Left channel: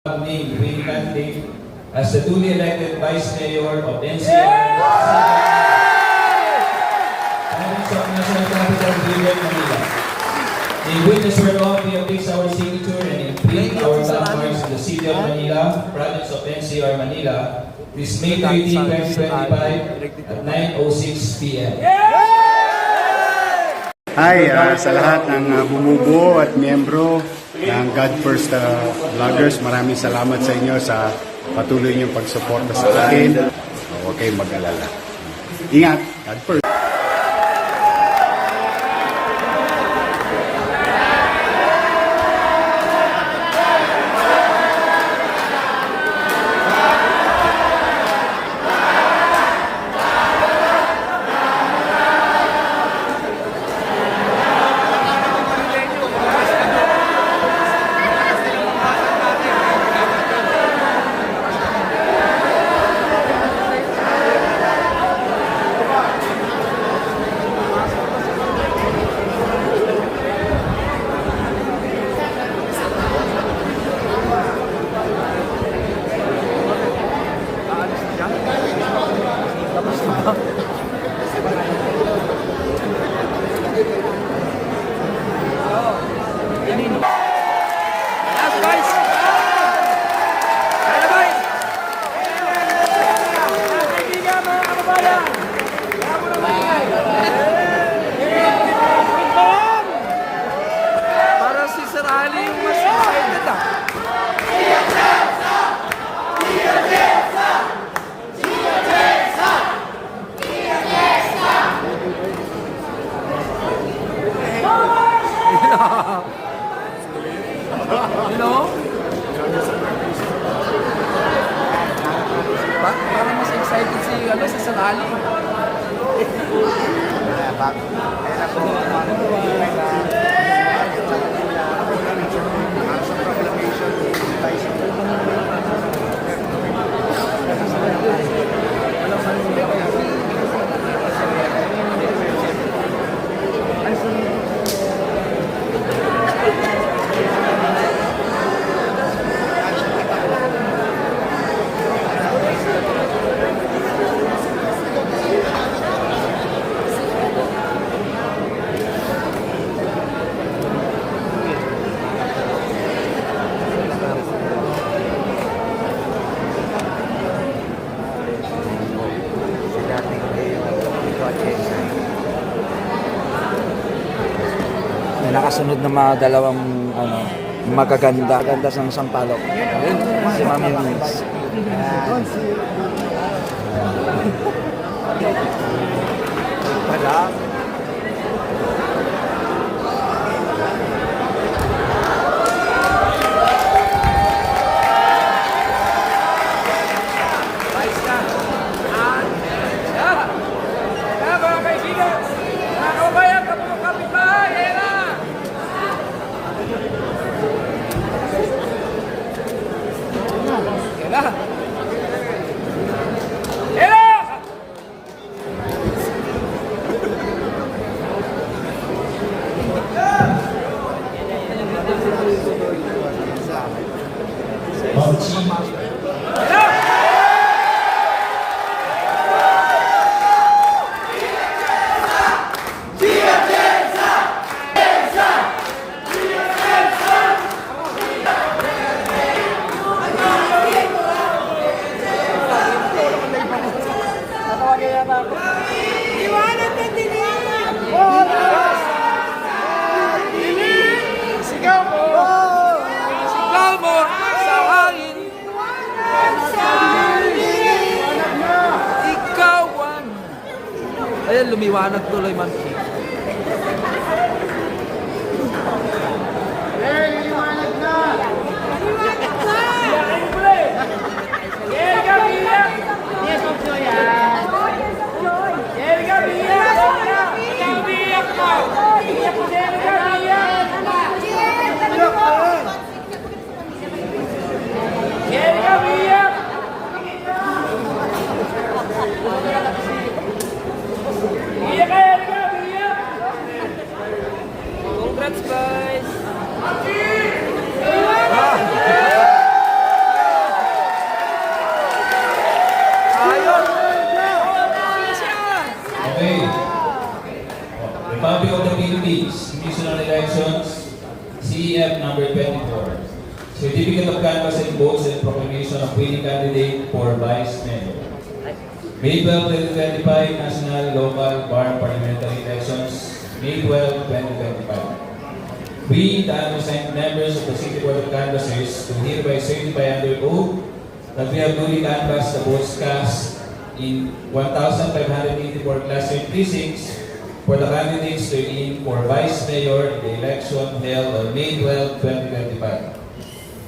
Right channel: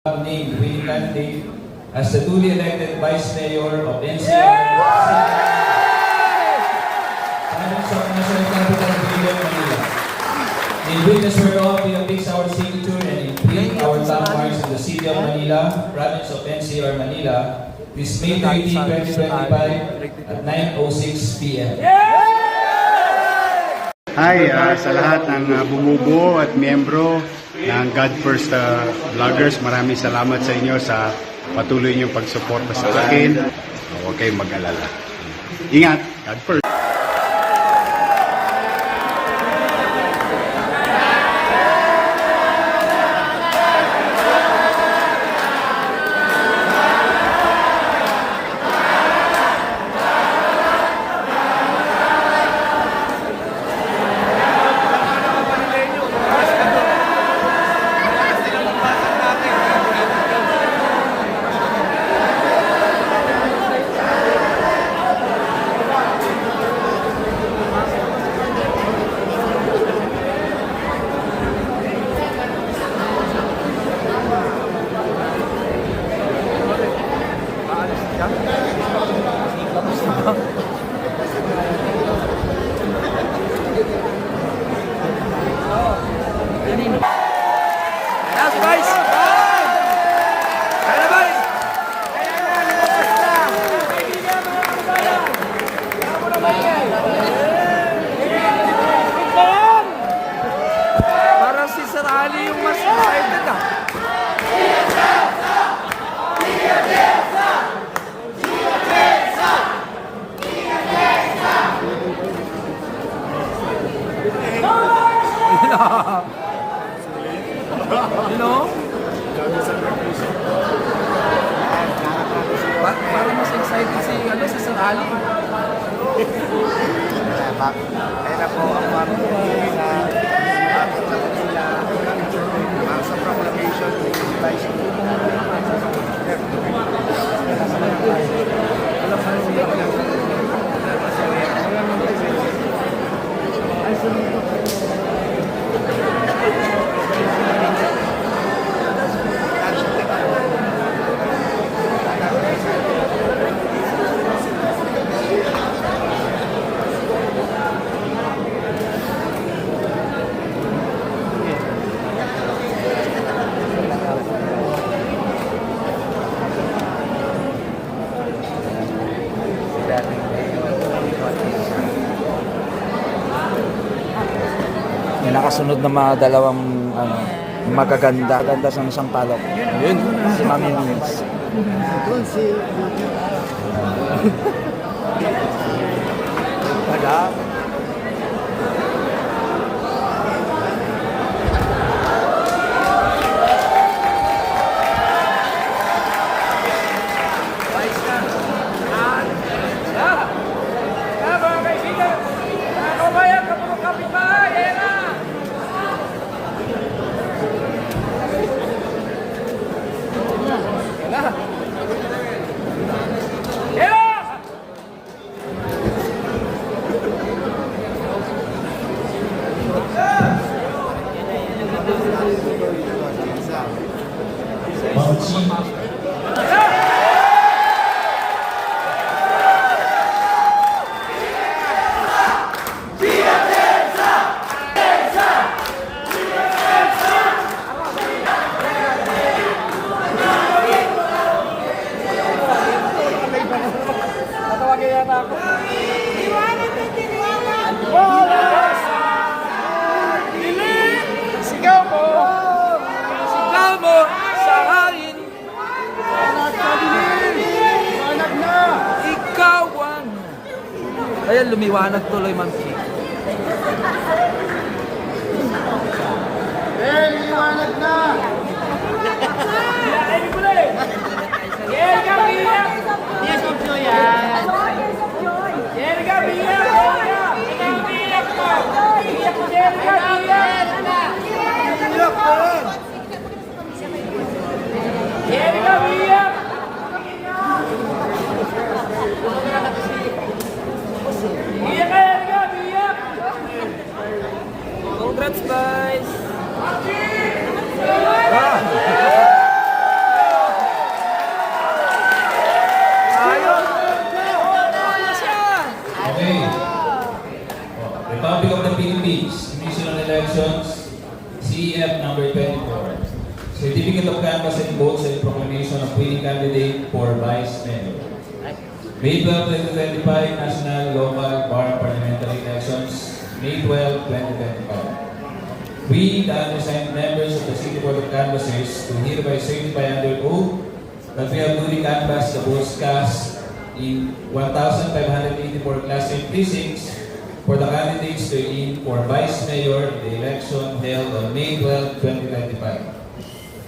Named Wayne Cantley as the duly elected Vice Mayor of NCR Province of National Capital Region, Manila. May witness whereof we affix our signature and imprint our landmarks in the City of Manila, Province of NCR, Manila, this May 30, 2025 at 9:06 p.m. Hi sa lahat ng bumubuo at miyembro ng God First Vloggers. Maraming salamat sa inyo sa patuloy niyong pagsuporta sa akin. Huwag kayong mag-alala. Ingat! God First! Tapos na ba? Kanino? Yes, guys! Kaya ba? Para si Sir Ali yung mas excited ah. You know? Para mas excited si Sir Ali. May nakasunod na mga dalawang magaganda sa Sampaloc. Si Ma'am Eunice. Wala. Sigaw mo sa hangin. Ikaw ang... Ayan, lumiwanag tuloy man. Liwanag na! Congrats, guys! of canvassing votes and proclamation of winning candidate for Vice Mayor. May 12, 2025, national, local, bar parliamentary elections. May 12, 2025. We, the undersigned members of the City Board of Canvassers, do hereby certify under oath that we have duly canvassed the votes cast in 1,584 Class A precincts for the candidates to in for Vice Mayor in the election held on May 12, 2025.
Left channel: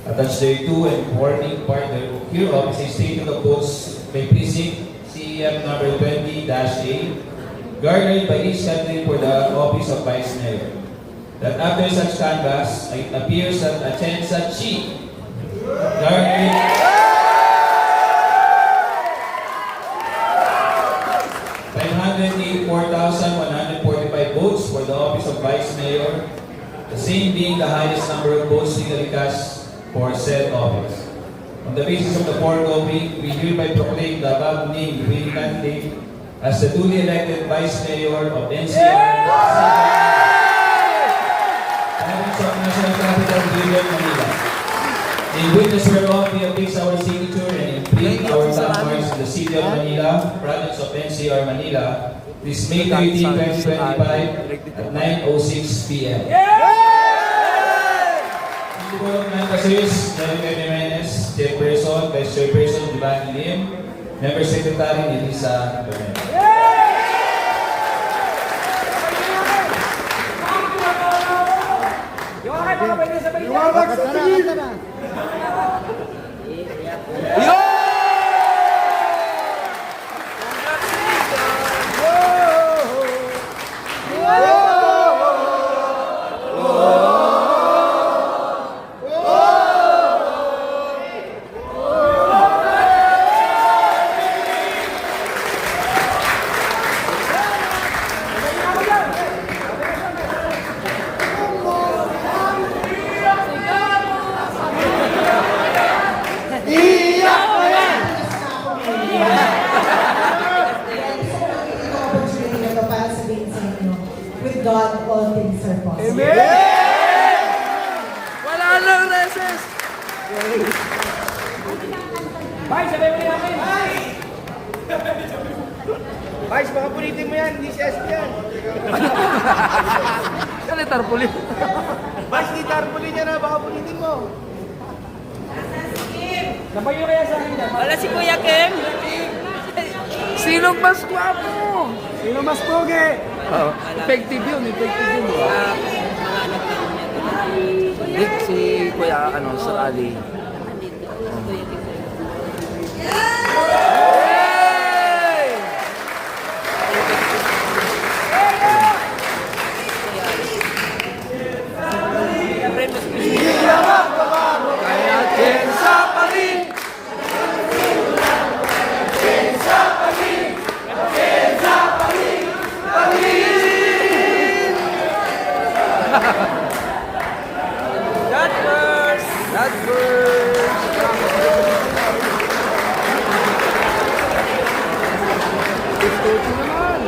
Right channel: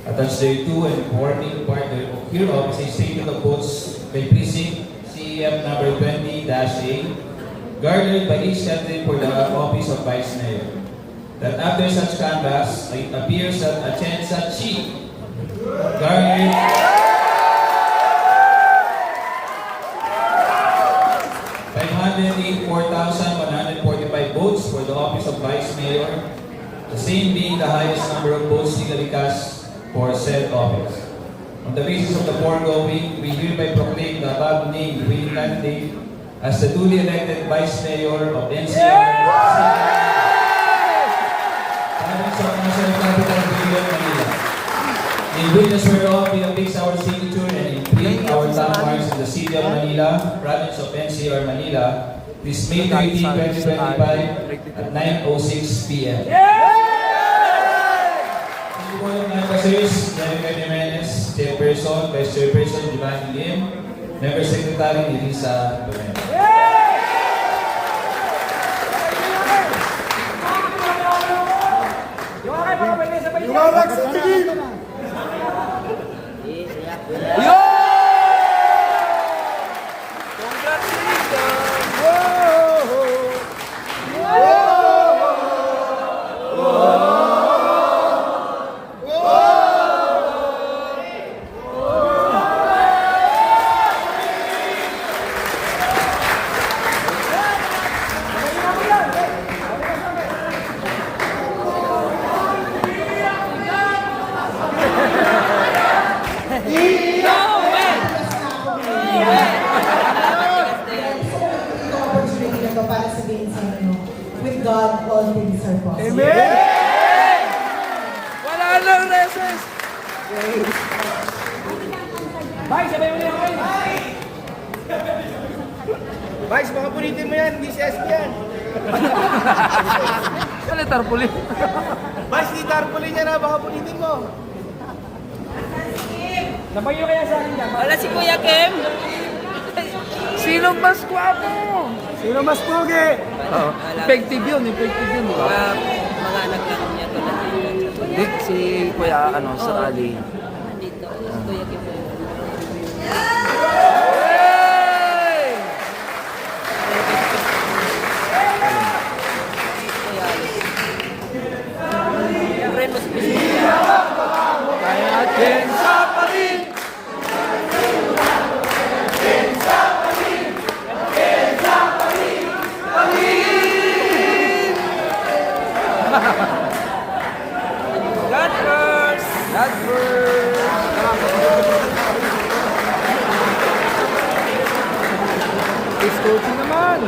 Attached thereto and forming part hereof is a statement of votes by precinct CEF number 20-A, garnered by each candidate for the office of Vice Mayor. That after such canvass, it appears that Atienza Chi garnered 584,145 votes for the office of Vice Mayor, the same being the highest number of votes legally cast for said office. On the basis of the foregoing, we hereby proclaim the above named winning candidate as the duly elected Vice Mayor of NCR. National Capital Region, Manila. In witness whereof we affix our signature and imprint our landmarks in the City of Manila, Province of NCR, Manila, this May 13, 2025 at 9:06 p.m. City Board of Canvassers, David Jimenez, Chairperson, Vice Chairperson, Divine Lim, Member Secretary, Elisa Bernal. With God, all things are possible. Wala lang reses! Bye, sabi mo namin. Bye, baka punitin mo yan, hindi si SP yan. Ano tarpulin? Bye, hindi tarpulin yan na, baka punitin mo. Nabayo kaya sa akin yan. Wala si Kuya Ken. Sinong mas gwapo? Sino mas pugi? Oo. Effective yun, di ba? Hindi, si Kuya, Sir Ali. Kaya Atienza pa rin! God first! God first! It's coaching naman!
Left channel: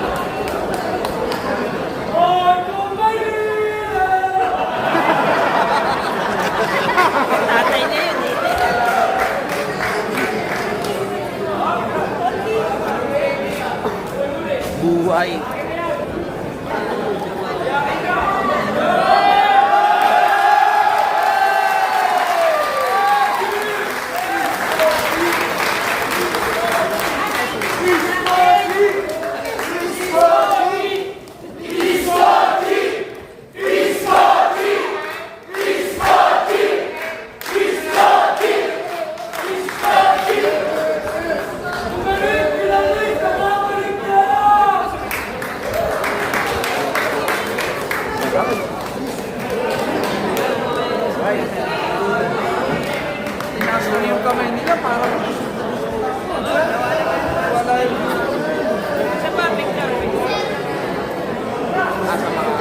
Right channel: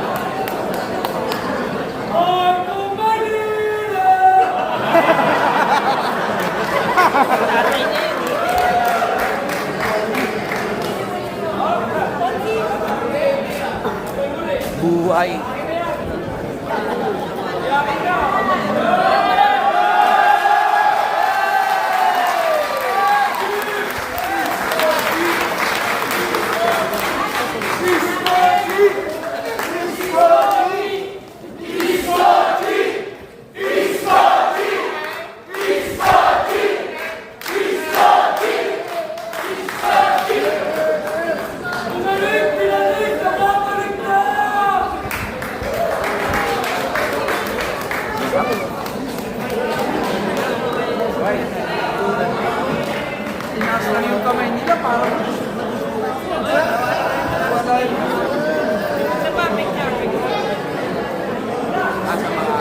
Buhay! Right. Tinaas na yung kamay nila parang wala yung asa mga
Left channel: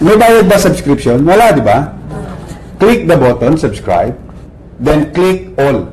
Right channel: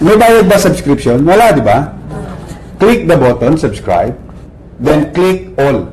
May bayad ba subscription? Wala, di ba? Click the button, subscribe, then click all.